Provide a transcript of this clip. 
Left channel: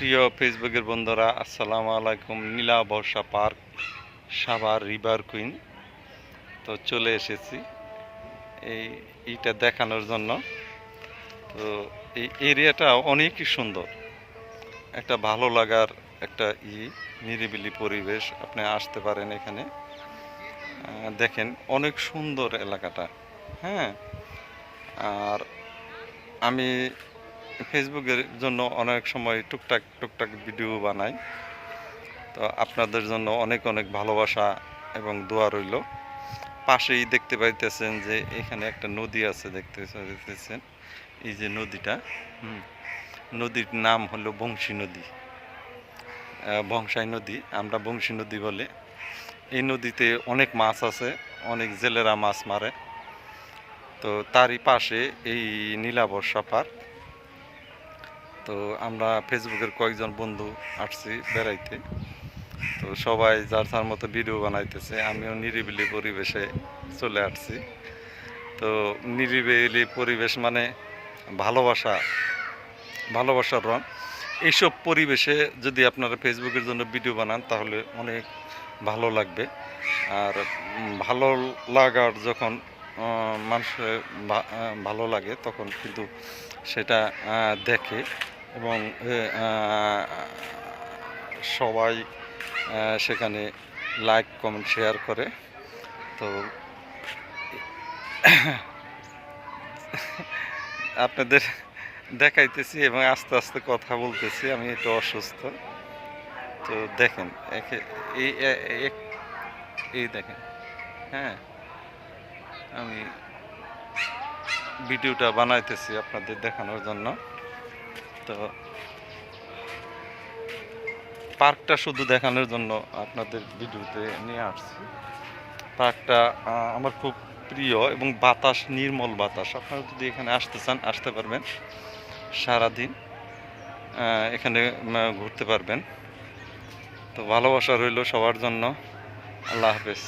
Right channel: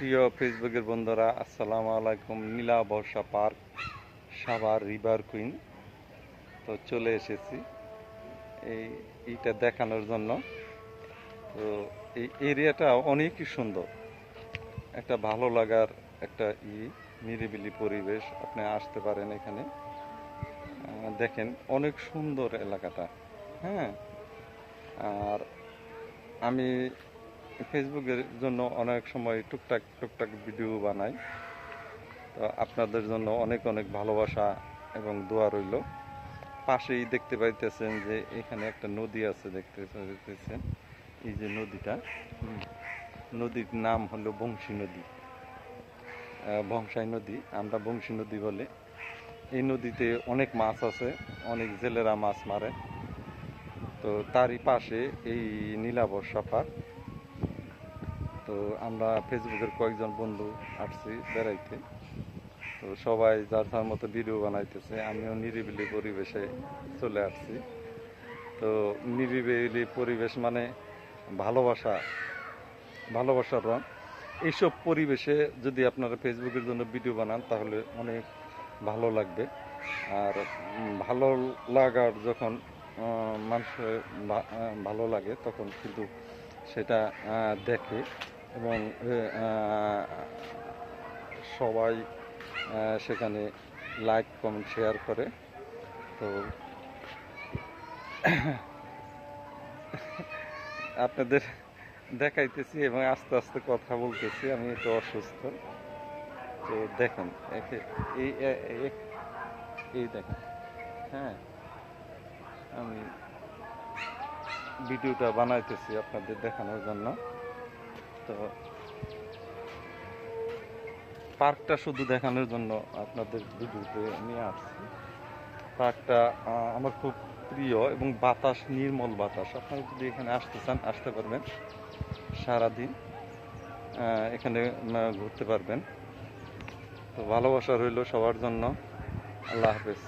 প্রিয় ফেসবুকের বন্ধুরা, আসসালামু আলাইকুম। Nila Barsha park, Savar river queen. তো চলে এসেছি এই এইটা দেখানোর জন্য। তো এই এরিয়াটা অনেকই সুন্দর। একটা ভালো লাগার একটা ই, নিরিবিলি পরিবেশ আপনি আসতে পারেন এখানে। দেখেন অনেক সুন্দর এলাকাটা। হ্যাঁ? আর আমি ফেসবুকের জন্য অনেক সময় টুকটাক টুকটাক ভিডিও বানাই। তো আপনাদের জন্য অনেক অনেক ভালোবাসা এবং দোয়া রইল। পাশেই দেখতে পাইতেছেন যে এখানে একটা নদী আছে, দেখতে পাইতেছেন। এই যে নদীটা নদীর নাম হলো বংশী নদী। বংশাই নদী, আমরা বংশী নদী বলে। এই নদীতে অনেক মাছ আছে, অনেক জেলেরা মাছ মারে। তো তারই পাশে এই নীলাবর্ষা পার্ক তো আমরা ফেসবুকের কয়েকজন বন্ধু আসছি বেড়াইতে। তো সবাই যার যার মতো ভিডিও বানাইতেছে, আমিও নিরিবিলি পরিবেশে চলে আসছি। তো নিরিবিলি পরিবেশ মানে ভালোবাসা, ভালোবাসার রং। এইসব পরিবেশে যদি আপনারা ফেসবুকের জন্য ভিডিও বানান, তাহলে অনেক ভালো লাগবে। আর ভালো লাগার যখন মানুষের ভালো লাগে তখন কিন্তু সেটা দেখে এবং সবাই সেখানে লাইক কমেন্ট শেয়ার করে। তো আপনাদের দেখাইতেছি এবং আস্তে আস্তে কথা বলতেছি, আমি একটু অসুস্থ। তো দেখেন এই এই দেখেন হ্যাঁ। আমি ভিডিওটা বানাইতেছি আপনাদের দেখানোর জন্য। তো পার্কটা শুধু দেখানোর জন্য আপনাদের ভিডিওতে নিয়ে আসছি। পার্কটা আমার খুব প্রিয় এবং বাতাস, নির্মল বাতাস। আপনারা যদি এখানে আসতে চান, আসতে পারবেন সারাদিন। এখানে ঘুরতে পারবেন। তো ভালোবাসা রইল সবার জন্য। আল্লাহ হাফেজ।